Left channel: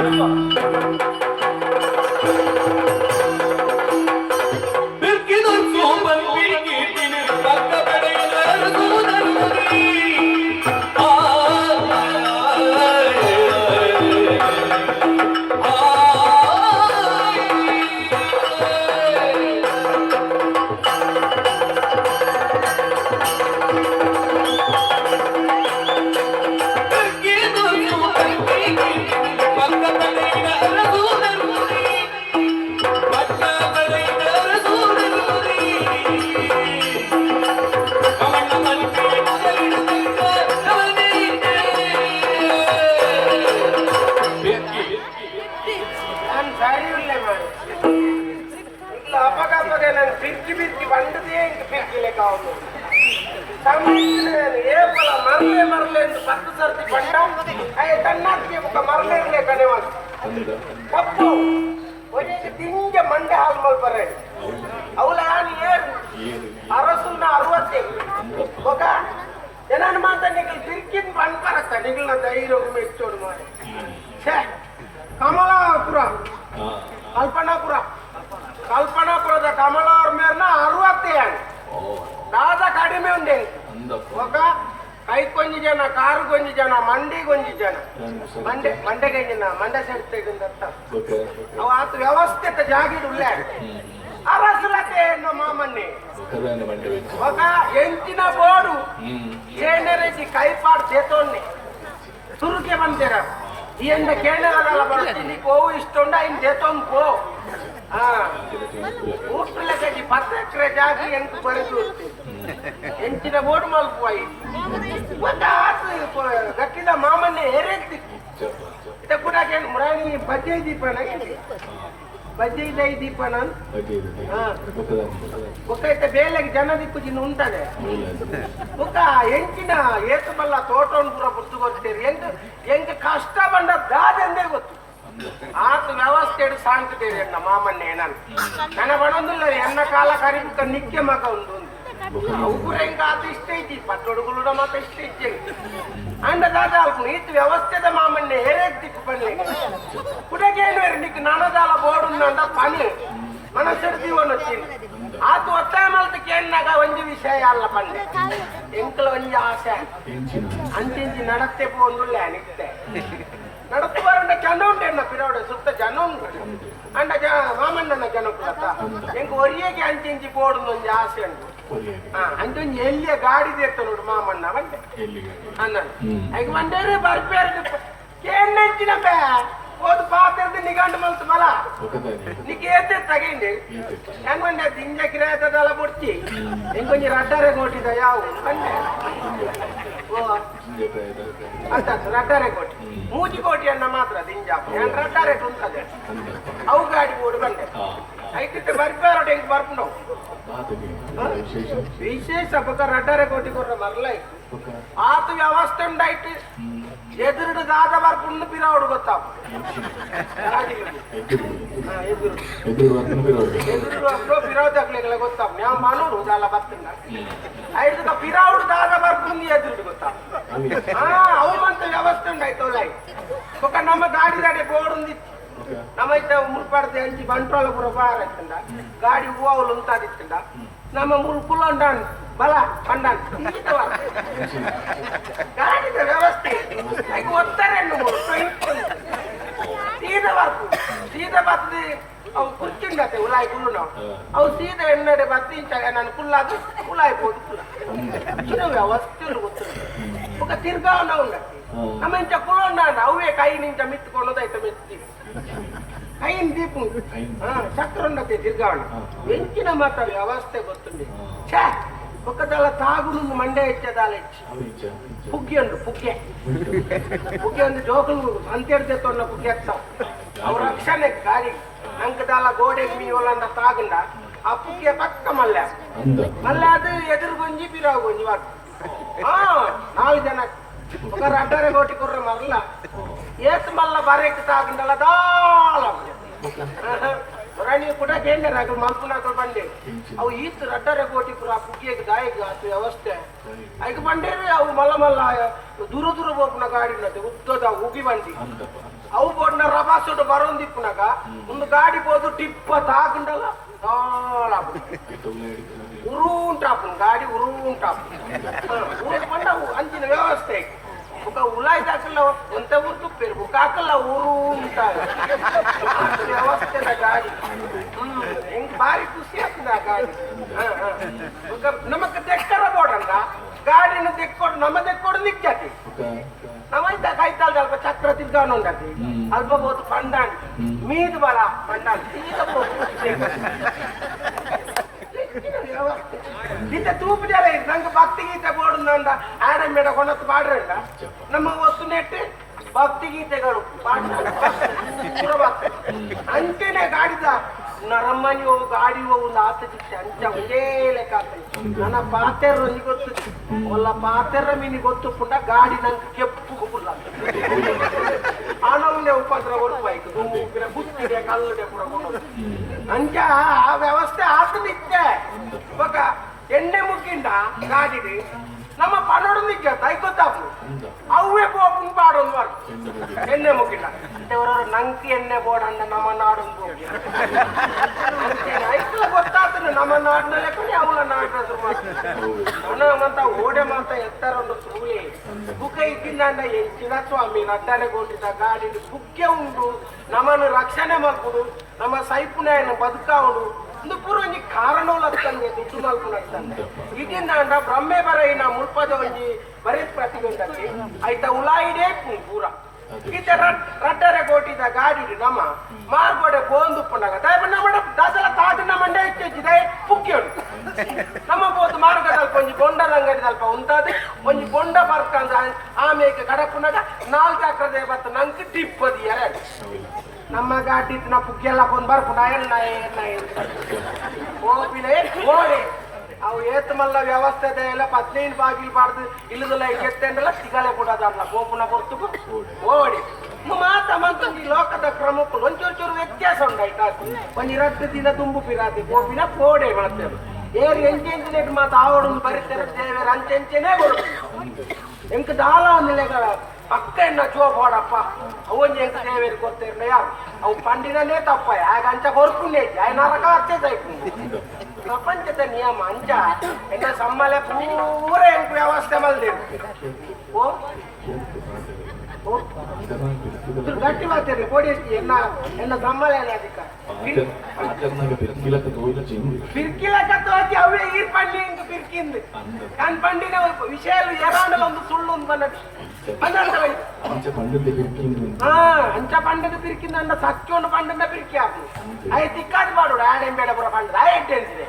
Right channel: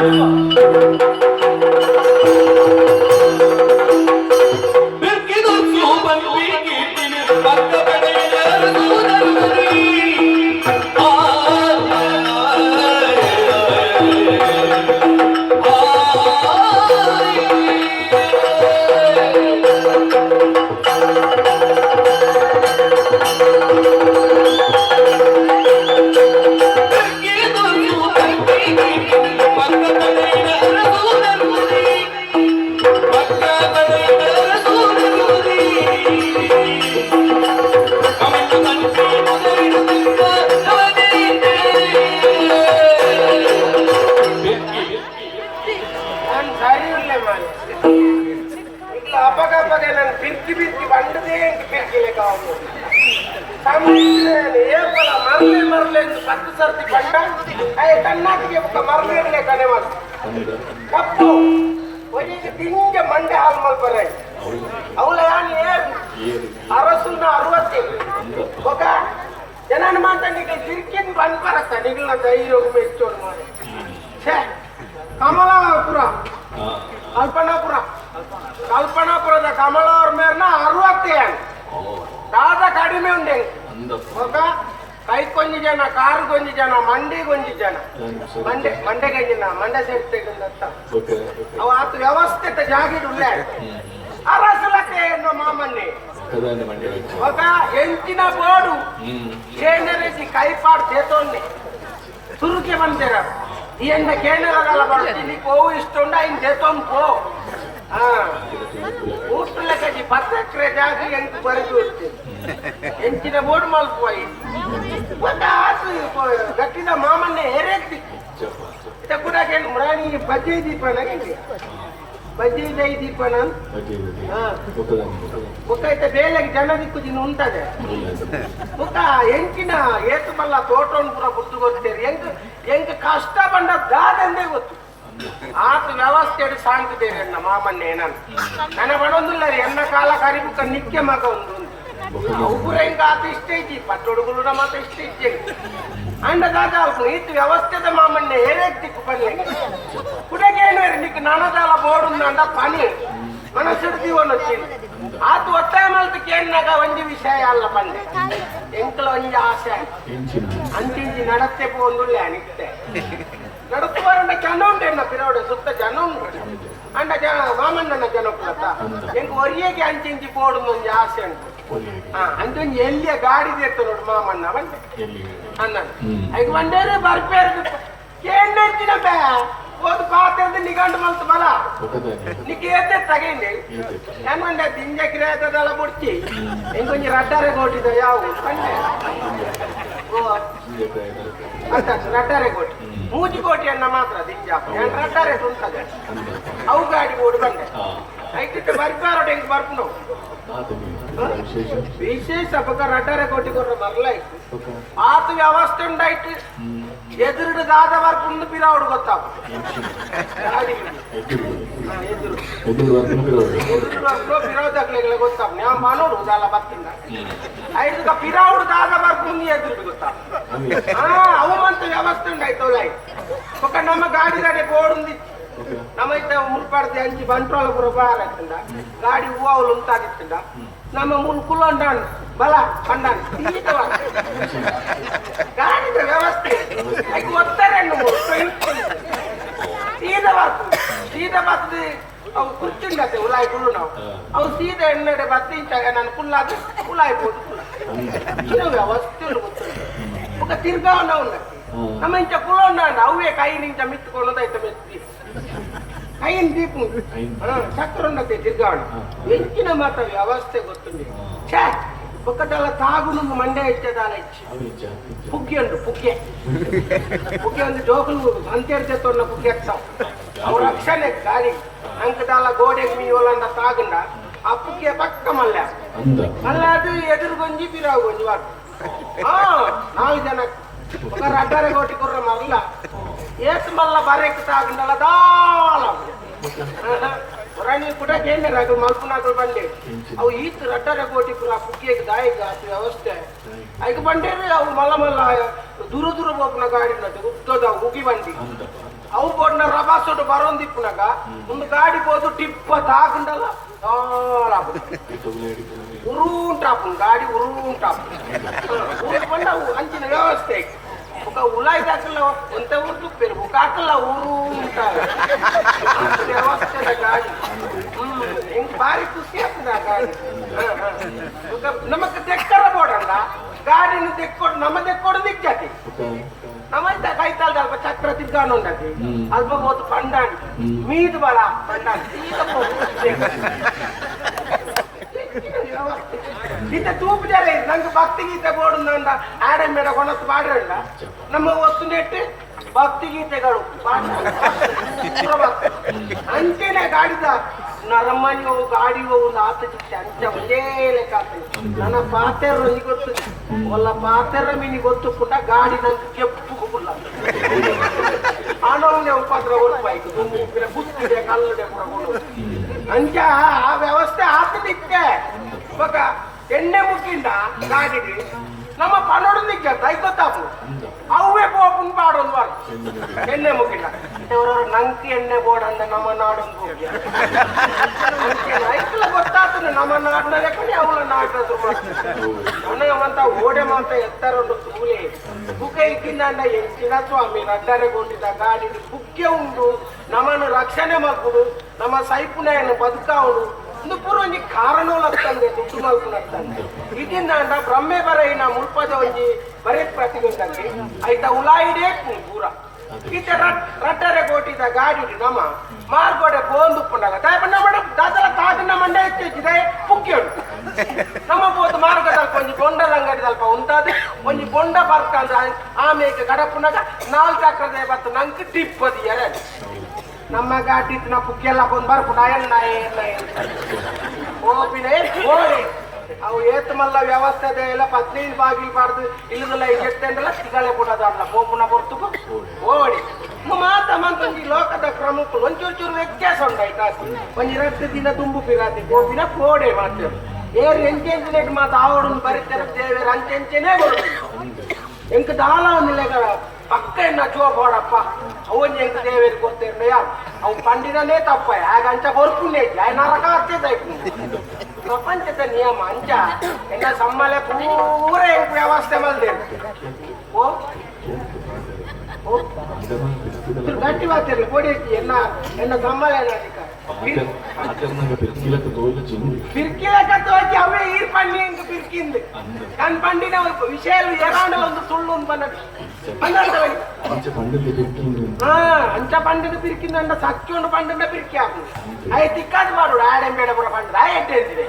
Thank you. ಏಪಲ ಮರಲೆ ಮರಲೆ ಪತ್ತು ಸರ್ತಿ ತನ್ನಾಟಿಗೆ ಒಬ್ಬ ಮರಲೆ ಕಡೆ ಮಾತು ಕಪ್ಪು ಒಡೆಗೆ ತಿಂಜ ಮಂಡೆ ಹಾಲು ಮಲ್ಪರೆ ಅವಳ ಯಾನ್ ಏನು? ಅರಸುನ ಅರವತ್ತೇಳು. ಒಬ್ಬ ಜನನ ಮಾತಾಡಿಗೆ ತಿರ್ಕಿನ ಬಂದ್ಬರತ್ತ ನಿಗಳ ಧೈರ್ಯ ಮೆಚ್ಚೋಡು ಮಾಡಿ. ಛೆ ಕಮಲಾಪುರ. ಕಲ್ಪನಾಪುರ. ಕಲ್ಪನಾಪುರದ ಕಮಲ ಅವ್ರ ಮೇಲಿನ ಅರವತ್ತೇಳು. ದಾದ ಕಡಿಮೆ ಉಂಡೆ ಕೈಗೊಂದು ಜನ ಕಾರಿಗೊಂದು ಜನ ಮಂಡಿಗೊಂದು ಜನ ಮಂಡೆ ಮಂಡೆಗೆ ಜನ ಮಂಡೆ ಸೈಡ್ ತೆಗೆದಂತ ಅವ ಆತ ವ್ಯವಸ್ಥೆ ಜಾಗಿಡುಲ್ಲ ಅರಸುಲತೆ ಎನ್ನುವ ಮಾಮನ್ನೇ. ఒక ఎంచిన బోడు చేనరెడ్డి కైపాడు చేతోన్ని చురుకేమని తెరాడు ఈయన కేంద్రపడుతుంది నీ పోవు ఇస్తుండ ఆయన చేతో పో. ఊపిల్లకి పర్ఫెక్ట్ జాతి ఎంత పరిచూర్తి ఎంచిన బోటు మలుపుపోయి కొంత గట్టిన మామన్న ఎరెత్తి. కూడా మురాణి బజ్జీ దీపానికి ಬದ್ದಿದೆ ದೀಪನ ಗೊತ್ತಾಯ್ತ? ಬೇಲೆಗೆ ಜನದಿಕ್ಕು ದಿನ ಉಂಟದೆ? ಗೊತ್ತ? ಎಂಕಿನ ಏತು ಬಲ್ಲ ತೋಟವನ್ಪುರ ಗುರ್ತು ಗೊತ್ತೇರಿ ಎಂಕ ಎಂಕ ಕಷ್ಟ ಬಂದ ದಾದಂದೇ ಗೊತ್ತು. ಆತ ವ್ಯವಸ್ಥೆ ಸಾಂಗ್ತೇನೆ ಮಾಮನ್ನೇನನ್ ನನ್ನ ಬಡೊಂದಿಲ್ಲ ಎನ್ನ ಕಾಲ ಕರಿಬಿಟ್ಟ ನಿಕ್ಕೆ ಮಗ ಒಂದು. ಔಗುರೆಂಗಾದ ಇಷ್ಟ ಐತಿ ಪಟ್ಟೊಡುಗುಲುಡ ಮಾತ್ರ ಇಷ್ಟ ಐತಿ ಅಂಡದಾಗ ನೀತಿ ವ್ಯವಸ್ಥೆದ ಮಾಮಣ್ಣ ಏರೇತ್ತಿಕ್ಕು ಬನ್ನಿ ಕುಡಗೇನೇರು ನೀಕು ನನದಾಲ ಬೋಡುಂದಂಡ ಪನಿ ಮನಸ್ಸಿಡ್ತೀವನ್ನೊತ್ತಿ ಅದು ಒತ್ತಾಯ ಮಾಡ್ತು ಕೇಳಿದಾಗ ಒಂದು ವಿಷಯ ಅಲ್ಲ ಬಂದೆ ಎಂಕಲ ಒಂದು ಆಸೆ. ಅಂತಿಂಚಿ ನಡತ್ತೆ ಪೋಂದುಳ್ಳೆ ಅನಿಕ್ತೆ ನಡತ್ತು ಬಾರಂಡ ಜನ ಉಂಟು ಎಣ್ಣ ಪಿರೋಡ ಸುತ್ತ ಜನ ಉಂಟು. ಅಂಡ ಜನ ರಾಮಣ್ಣನ ಜನ ಕೊಡ್ತ ಎಂಗೆ ಒರಿಯಗೆ ಅಂಚಿಂಚಿ ಪೋಡೋದು ಒಂದು ಆಸೆ ಉಂಟು. ಹಾ ಅಂಚಿಂಚಿ ಎಲ್ಲಿಯ ಗಾಡಿ ದೇತ್ತು ನೋಡು ಮಾಮಣ್ಣ ಬಂದೆ. ಅನ್ನ ಈಗ ಬಂದೇರಿ ಬರ್ಬೇರ್ಬಿಟ್ಟು ಕೇಂದ್ರ ಬೇ ಒಂದು ಪಾತ್ರ ನಿಗಂಡು ಮಂತ್ ಬಲ. ನಿಕೇತೆ ತಗೇನೆ. ನನ್ ಮಂಡೆ ದಿಂಜೆ ಕಿರಾಯತದೆಲ್ಲ ಬಿಡ್ತಿ. ನಿಂಗೊಂಜಿ ರಡ್ಡಾರೆ ಕೊಟ್ಟಿದ ಯಾವ? ರಡ್ಡಾರೆ ಕೋಟಿ. ಮೂಜಿ ಕೋಟಿಯನ್ನ ಮಾತ್ರ ದಿಂಜಾಪ ರಡ್ಡಾರೆ ಉಂಟದೆ ಅವು ಗಾಡಿ ಓಡಿ ಬಂದೆ. ಐಕಿಟ್ಟು ಬರ್ಬಾರೋಡು ಹೆಂಗ್ ಬರ್ಪುಂಡು ವಿಶೇಷ ಪಕ್ಕ ರಡ್ಡಾರೆ ಕೋಟಿ ಕೊಡ್ರ ಮರಲೈ ಆತು ವ್ಯವಸ್ಥೆ ಉಂಡಾಯ್ತು ಎದುರುಡು ದಾದ ಬರ್ಪುಂಡು ಪಿರಾವುಡು ಗೊತ್ತಾಪ ಗಾಡಿ ಹಾ, ಎದುರು ಎದುರು ಪಿರಾವುದಾಗ್ಲಿಲ್ಲ ಗೊತ್ತಾಪ ನ್ಯಾ ಮಾನೂರು ದಾಲ ಬರ್ತಿಲ್ಲ ಐದು ಪಿರಾವುಡು ದಾದ ಬರ್ಪುಂದು ಎದುರುಡು ಗೊತ್ತಾಪ ఆ, అవమంత వ్యవస్థ ఉండైతే ఒక నమ్మ గాడి గడే పోడుంది ನಮ್ಮೈತೆ ಮುಲ್ಪಡ್ದೆ ಅಂಚಿ ಬಂಟ್ರೋಲ ಪುರ ಬಾರತ್ತಂಡ ಗಾಡಿ ಹೂವಲು ಉಂಟಾದಿತ್ತಂಡ ನಮ್ಮ ಮುನ್ ಕುಲ್ಲೊಂಡಾನ್ ಬಲ ಕಂಡಾನ್ ತೀಟವ ಗಾಡಿದ ವ್ಯವಸ್ಥೆ ಐಕು ಒತ್ತಾರೆ ಸೀದ ಬಾತು ಸೀದ ಬಾತದು ಅವು ಕುರ್ಚಿಂಡತೆ ಉಲಾಯಿ ಕುಲ್ಲು ನಾವು ಅವು ಸೀದ ಎಣ್ಣೆ ಬತ್ತಿಂಚಾಗ ನಾನು ಕುಲ್ಲಾದು ಉಲಾಯಿ పోటు ಇದು ವ್ಯವಸ್ಥೆ ಗೊತ್ತಿಲ್ಲ ఒక తిరగాన ఉన్నది ఆమె ఇంత కుల ఉన్నాడు అవే కై నుంచి మెత్తుకున్నది అయితే మెత్తి ಐನ್ ದೀಪ ಸಕ್ಕರೊಂಡತೆ ತಿರ್ಗಾವಣ ಎಂಚಿನ ಮಾತ ವ್ಯವಸ್ಥೆ ಗೊತ್ತುಂಡಿ ಛೇ ಒಕ್ಕದಲ್ಲ ತಾಗುನು ಮಂಡೆ ಇಟ್ಟದಾಲ ಇಚ್ಚಿ ಪುಗ್ಗಿಯಂಡು ಪುಗ್ಗೆ ಪುಗ್ಗೆ ಒಂದು ಜೋಕಲು ಅಂತೇರ್ತೇತೊನ್ನ ಪುಗ್ಗೆ ಎತ್ತಾವ ಅವ್ರ ಅಕ್ಷನೆ ಗಾರಿ ಅಂಕದಾಲ ಗೋಡೆ ಮೀವಲನ್ನ ತಾಗಂಡ ಆ ಪುಗ್ಗೆ ಪಕ್ಕ ಮಲ್ಲ ಮಲ್ಲ ಅದು ಎದುರು ಗೊಂಜಿ ಪಿರಾವು ಗೊಂಜಿ ಹಾ ನಾಲ್ಕು ಜನ ಒಬ್ಬರು ಅಡ್ಡಾರ ಗೋಟಿ ಕೊರ್ರ ಮರಲ್ಲ ఏసు మళ్ళా బరెక్కి తాగుండాల దాళం ಪುರಾಣಿ ಕೂಡ ಕೇಂದ್ರ ಅದು ಮಲ್ಪುನಾಗಳು ಬಂದೆ ಅವು ಈತ್ ರಟ್ಟರೆ ಕೋಟಿ ಪುರ ಪುಕ್ಕಿಗೆ ದಾಯ ಜಾತಿ ವ್ಯವಸ್ಥೆ ಐದು ಬಂಡೆ ಅವು ಮಲ್ಲ ಮಲ್ಲ ದೂರ ದೂರ ಹೋಗ್ನ ಗಾಡಿ ನಟ್ಟು ಉದ್ದದ ಉಗಿ ಬಂದಿ ಅವು ಬೋಡ್ನ ರಭಾಸೋಡು ಬರೋಂದಿಪ್ಪನಾಗ ಒಂದು ಗಾಡಿ ಹೋದು ಟಿಪ್ಪ ತಾಕಂಡಲ್ಲ ಉರುಂಟಾಪು ಗಾಡಿ ಉರುಂಟಾಪು ಊರಿಗೆ ಬಂದ ಅಂಚಿನ ವ್ಯವಸ್ಥೆ ಬುಕ್ಕ ಉಲಾಯ್ದು ಹಾಕಲ್ಲ ಅಂತ ಒಂದು ಬೇರೆ ಬುಕ್ಕ ಹಾಕಲ್ಲ ಊರು ವ್ಯವಸ್ಥೆ ಗಾಡಿ. ಹೆಂಗ್ ಬಾರಿ ಖುಷಿ ಆಗ್ತದೆ ಆ ಗಾಡಿ. ನಮಗೆ ತೆಕ್ಕಾರ ಕೊಡಲ್ಲ ಗಾಡಿನ ತೆಕ್ಕೊಂಡು ನಮ್ಮ ತೆಕ್ಕೊಂಡು ನಿಕ್ಕಾಕಿ ನಮ್ಮಂತ ಕೈ ಕಾಲ್ದ ಅಲ್ಪ ಚಕ್ರ ತಿರ್ಗಾನು ಉಂಟಾಕಿ ಅಲ್ಪ ಹೋತು ಪಂಡಾಣಿ ಮೀದು ಬಲ ಪಂಡಾಣಿ. ಗೀತೆ ತೂಪಿದ್ದಾರೆ ನಂಗೆ ಭಕ್ತಿ ಗೀತೆ ಬೋಡುಂದು ಅಂತ ಆಡ ಮೇಡ ಕೊಳತ್ತು ಮಾಡ್ರಲ್ಲ ನಮ್ಮ ವಸ್ತು ನೆಟ್ಟು ಭಕ್ತಿ ಗೀತೆಗಳು ಅಂತೆನೆ ಗಾಡಿದ ನರಮ್ಮನಿ ಹೋಗು ಗಾಡಿ ಹೋಗು ಆತ ಚಿಕ್ಕ ಅಂಚ ಒಂದೇ ಲೆಕ್ಕ ನನ್ನ ಪಾತೆರ ನೀ ಗೊತ್ತು ಒಲ್ಲ ಪಾತೆರ ಮೀನಿ ಗೊತ್ತು ಪುಟ್ಟ ಗಾಡಿ ನಂಗೆ ಕೆಪ್ಪು ಗುಲ್ಲ ಆನೊಳ್ಳೆ ಉಪದ್ರ ಒಳಪಾಯ್ತು ದುಮ್ಮು ಬುತ್ತಿದೆ ಕಲ್ಲದೆ. ಅಂಚ ಆ ವ್ಯವಸ್ಥೆ ಆತನಿಕ್ಕೆ ಇವಾಗ ಎಣ್ಣೆ ಮುಕ್ಕಿಂದ ಗಾಡಿಗೆ ನಮ್ಮ ಪನ್ನೊಡು ನಿಕ್ಕೆ ಗೊತ್ತಾಗು ಅವೇ ಪೋಪನ್ ಪಾಡೊಂದು ಬಾರು ಎಣ್ಣೆ ಮುಕ್ಕಿಲ್ಲ. ಇವರು ನಂಕಿ ಎಣ್ಣೆ ಬೋಡಂದ ನಮ್ಮ ನಾಡು ಐಕ್ಲ ಗೊತ್ತಾಗ್ತದೆ ನಮ್ಮ ನಾಡಿನ ಲೆಕ್ಕನೆ ಅವಳ ನಾಡಿನ ಅವನಂತ ಓಡೆ ಮಾತ ಎತ್ತರೊಂದು ಸೂಲೆ ಬುಕ್ಕೆ ಇಕ್ಕಿಂದ ಹೆಚ್ಚಿನ ಸ್ವಾಮಿ ರಡ್ಡರೆಗೊಂಡಿದ್ದ ಗಾಡಿ ಬುಕ್ಕೆ ಉಂಡು. ನಮ್ಮನ್ನು ರಕ್ಷಣೆ ಮಾಡ್ಕೊಡು. ನಮ್ಮ ಸೈಪುನಾಯನ ಬದುಕಾವಡು ಪೂರ್ವ ಒಂಜಿ ಕಾರಣಗಳು ಆಗ್ತಂದೆ ದುಡ್ಡು ನಾಲ್ಕು ಆಗ್ತಂದೆ ಇದನ್ನ ಬ್ರಹ್ಮೆ ಬರೈನ ಮುಲ್ಪದ ಒಂಜಿ ಬರೆ ಪ್ರತಿಗೊಂಡಂಗೆ ಐತ ಉಲಾಯಿಡೇ ಪೂರ. ಈತ ರಟ್ಟರೆ ಕೋಟಿದ ಗಾಡಿ ನಮ ಮಾರ್ಗೋಡೆ ಬೋಂದು ಪುಂಡಾಗ ದಾಯಪ ನಮ್ಮ ದಾಸಲ ತಾತನ ಮಂಡ ಇತ್ತಿದೆ ಪುಕ್ಕಿಯೋಡು ನಮ್ಮ ಪೋತು ಮಾರ್ಗದಲ್ಪ ಒಂಜಿ ಬೊಂಡದ ಅಂಗಡಿ ಸ್ವಲ್ಪ ಉಂಟಾದೆ, ಒಂಜಿ ಬೊಂಡ ಬರ್ಕಂದ ಆಮೇಲೆ ಗಡಪುನಾಗ ನಾಲ್ಕು ಅಕ್ಕದೆ ಬತ್ತು ನಂಗೆ ಟಿಪ್ಪದಿ ಎರಡು ನಮ್ಮ ಗಾಡಿ ನಾ ಪುಕ್ಕೆಲ್ಲ ಕೊಂದು ಬರ್ಪುನ ಎಣ್ಣ ಎಣ್ಣ ಓಪಿನ ಓಡಿ ಅವು ಏತ್ ಮಲ್ಲ ವ್ಯವಸ್ಥೆ ಎಲ್ಲ ಪದ್ನೈದು ಬಾಗಿಲು ಬಾರ್ದು ಇಲ್ಲದಲ್ಲ ಎತ್ತೆಂದಲ್ಲ ಸಿಗಲ್ಲ ಕೊಡೋದಲ್ಲ ಬೋಪುನ ಬರ್ತು ಓಡಿ ಮಾತ ಈ ಲೋಕದ ಪ್ರಮುಖ ಒಂಚೂರು ಚೂರು ವ್ಯತ್ಯಾಸ ಉಂಟಾಯ್ತಾ? ಒಂದು ಎರಡು ದಿನ ತುಂಬು ಪಿರಾತಿ. ಗೋಪಿನ ಕೋಡೆ ಮಾಡ್ತೇವೆ ಏರು ಎಂಚೆಂಚಿನ ಮಾತು. ಆವಡನ್ನು ಬರೀತಾರೆ ದೇವರು ಅಂಚೆಂಚೆನೇ ಎಂಕ ದಾಲ ನಿಲೆಗ ಪಕ್ಕ ಎನ್ನ ಚೋಪಾಡಪ್ಪ ಅವನ್ ಎಂಕ ದೇವೇರಿ ಕೊಡ್ತೇವೆ ಅವು ಪಂಡಿನನೇ ತಪ್ಪ ಆಗ ಅಂಚ ಕೊರ್ಪುಣ್ಯ ನರಕ ಹಚ್ಚದ ಪ್ರಪಂಚದ ನಿಯಮ ಅಂಚ ಎನ್ನ ಸಮ್ಮಲೆ ಪೂರ ಎಂಕ ವ್ಯವಸ್ಥೆ ಮಲ್ದೆ ಓ ಓ ಇದು ಗಟ್ಟಿ ಮಾತಾಡಿ ಕೋಡಿ ಎನ್ನ ಎನ್ನ ಸಮ್ಮಲೆ ಏನಾಗಿತ್ತ ಪಿರ್ಕಿಲಕ ತೋಚಿ ಅವೇ ಈ ಪಂಡಿ ಎಂಕ ಪಿರ್ಕಿಂದು ನನ್ ಪಂಡಿನ ಒಂದು ವಿಷಯ ಎರಾಂಡ ಒಂದು ಸುಳ್ಳು ಒಂದು ಬಂದ ಹಾ ಅಂಚ ಪಂಡದ ಪಿರಿಕಿಂದ ಸಚ್ಚೊಂಡು ಪಂಡದ ಪಿರಿಕಿ ಹಾಕು. ಅಯ್ಯ ತಿಕ್ಕಾದ ಮಾಡು ಆಡೆಂಬೇಡ ಬರ ಪಂಡ ಆಯ ಎಟ್ಟೆ ಅಂತಿದೆ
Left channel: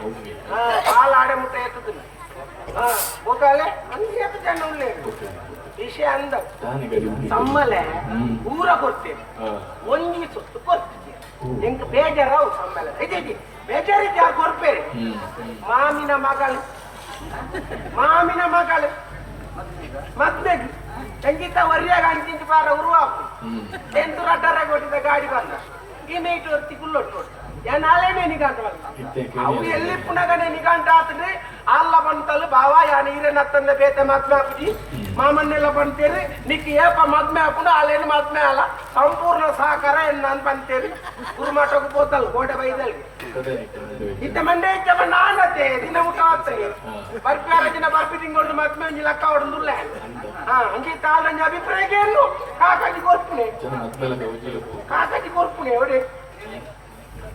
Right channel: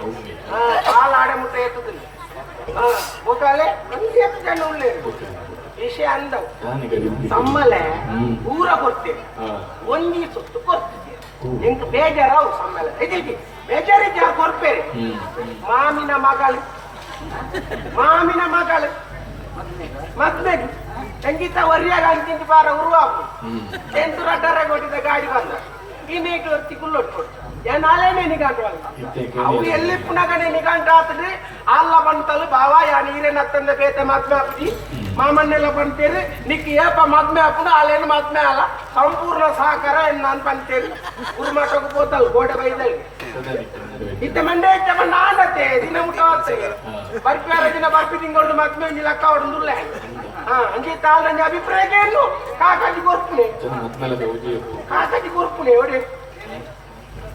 ಹಾ ಕಾಲು ಆಡೆ ಮುಟ್ಟ ಎತ್ತುದಿಲ್ಲ ಹಾ ಹೋಗಲೆ ಒಂದು ಎತ್ತು ಜನ ವಿಷಯ ಅಂದ ಸಮ್ಮಲೆ ಊರ ಕೊಡ್ತೇನೆ ಒಂಗಿ ಸುತ್ತು ಕೊಡ್ತಿದ್ದೆ ಎಂಕ್ ಬೇಜಾರಾವು ಸಮ್ಮಲೆ. ಇದೀಗಿ ಬೇಜಾರಿದ್ದ ಕೊಡ್ಪೇರಿ ಮಾಮಿನ ಮಗಳು. ಮಾಮಿನ ಮಗಳು. ಮತ್ತೆ ಸಂಗೀತ ವರಿಯಾಗ ಅಂತಿಂತ ಬಾರ ಉರುವಾಕು ಎಂಟು ರಡ್ಡರ ಕೊಟ್ಟಿದ್ದ ಗಾಡಿ ಬಂದ. ಇನ್ನೇಟು ಹೊತ್ತಿ ಕುಲ್ಲೊಟ್ಟು ಏನ್ ನಾಳೆನೇ ನಿಗಾಂಟ ಅವು ಎಲ್ಲಿ ಪುನಗನೆ ನಿಗಾಂಟ ಆತದೆ ಅಲ್ಲ ಬಂತಲ್ಲ ಬಾವ ಯಾ ನೀರೇನ ತಂದೆ ಬೇತೆ ಮದ್ವೆ ಆಗ್ತಿ ಮಾಮನ್ನೆಲ್ಲ ಬಂತೇನೆ ನಿಕ್ಕಿ ಏಪ ಮದ್ಮೆ ಹಾಕೊಂಡು ಅಲ್ಲೇನು ಮದ್ಮೆ ಅಲ್ಲ. ಸಂಪೂರ್ಣ ಸಹಕಾರ ಎಂದು ನಾನು ಬಂತೇನೆ ಗುರುಮಠಕ್ಕೆ ಹೋತಲ್ಲ ಗೋಡೆ ಬೈದಲ್ಲಿ ಇತ್ತ ಮಂಡೆ ಇತ್ತ ಆನತ್ತೆ ದಿನ ಮುಟ್ಟ ಆಗ್ತದೆ. ಬರ್ಪಿಯಾದ ದಿನ ಬರ್ಪಿ ತಿಂಗಳು ಮದ್ಮೆ ಒಂಜಿ ಲೆಕ್ಕ ಹೊಡೆದುಲ್ಲ. ಹಾ ಅಂಜಿ ನನ್ನ ಅಭಿಪ್ರಾಯಕ್ಕೆ ಏನು? ಕಾಕಾಜಿ ಕೊರ್ಪುನೆ ಕಾಕಾಜಿ ಕೊರ್ಪುನೆ ಒಡೆ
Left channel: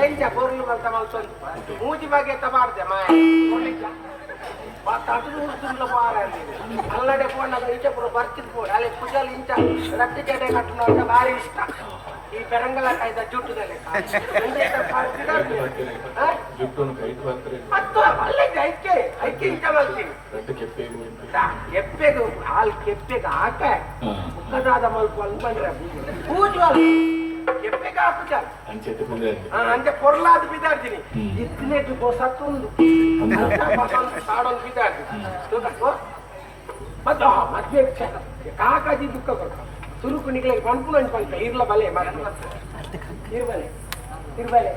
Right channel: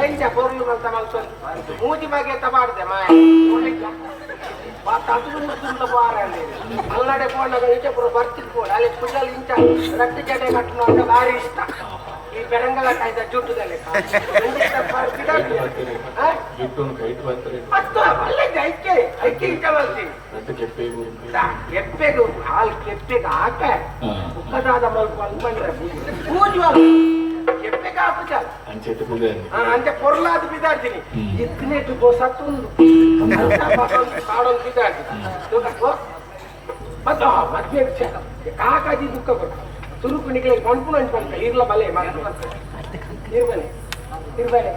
ಎಂಚ ಬೋರ್ಲು ಬಂತ ಮಲ್ಸೊಂದು ಮೂಜಿ ಬಗ್ಗೆ ತಬಾಡ್ದೆ ಮಾಡಿದೆ ಮುಸುಂತ ಬಾರ ಅಲ್ಲಡೆ ಪೋಣ ಇಂಚೆ ಪುರ ಬರ್ತಿದ್ ಪೋಡ ಅಲ್ಲಿ ಪೂಜಲ್ ಇಂಚ ರಟ್ಟು ಜಡೆ ಕಟ್ಟಲು ಭಾರಿ ಇಷ್ಟ. ಈ ಕೆರಂಗ ಕಾಯ್ದ ಜುಟ್ಟದಲ್ಲಿ. ಐಕೆ ಐಕೆ ಇಂಚ ಮಾಡ್ತೀನಿ ಗಂಟೆ ಕೆಪ್ಪೆ ಕೆಪ್ಪೆಗೆ ಹಾಲು ಕೆಪ್ಪೆಗೆ ಹಾಕ ಉಪದಾದ ಮಲ್ಪ ಅನ್ಕೊಂಡ್ರೆ ಪೂಜುವ ಕೆಪ್ಪೆಗೆ ಹಾಕುತ್ತ ಅಂಚೆ ತಗೊಂಡೆ ಅಂತೆ ಕೊರ್ಲಾದ ಬಿದ್ದಾಡ್ತೀನಿ ಹ್ಮ್. ಇತ್ತಿನೇಟು ಗೋ ಸತ್ತೊಂದು ಕಾಡೊಂದು ಬಿದ್ದಾಡ್ತೀನಿ ಮತ್ತು ಮದ್ವೆ ಕಾಕಾಜಿ ದುಃಖ ಕೊಟ್ಟು ತುರುಕುಣಿಗೆ ಕಣ್ಪುಣ ಅನ್ಕೊಂತ ಇರ್ಲ ಬಲೆ ಇರ್ಬಲೆ ಇರ್ಬಲೆ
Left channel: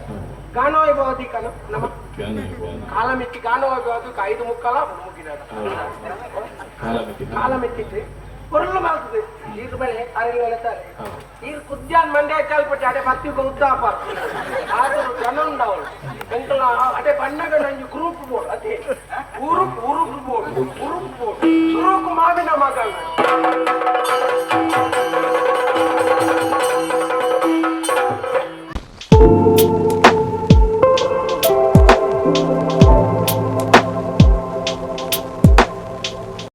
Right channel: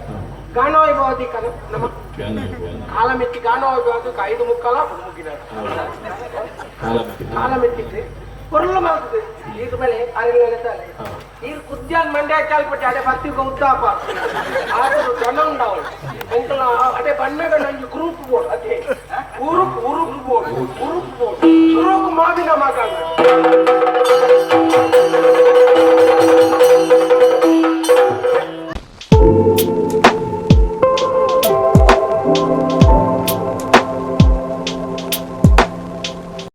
ಗಾನೋ ಇರ್ಬೋದು ಕನ ನಮ್ಮ ಕಾಲ ಮೆಚ್ಚಿ ಗಾನೋ ಇರ್ಬೋದು ಐದು ಮುಕ್ಕಲ ಮುಗಿದ ಕಾಲ ಬಿಟ್ಟು ಕಾಲ ಮೆಚ್ಚಿದ್ರೆ ಕೊರಲ ಮಾಡ್ತದೆ ಇದ್ರ ಮೇಲೆ ಅರಳಿ ಹೇಳ್ತಾರೆ ನೀರು ಕುದ್ಯಾನ್ ಮಂಡ್ಯ ಚಾಲ್ಪಟ್ಟು ಅಡೆ ಬತ್ತಿಗೆ ಉದ್ದಾಪ ಆದರೂ ಜನ ಉಂಡವಳು ಎಂಕಲ ಅಡೆ ಬಣ್ಣಗಳ ನಂಜು ಗ್ರೂಪ್ ಬೋರ್ಡ್ ಅದೇ ಉರುಪ್ ಉರುಪ್ ಬೋರ್ಡ್ ಉರುಪ್ ಬೋರ್ಡ್ ಸುರುಕು ಮಾಡಿನ ಮಗಳು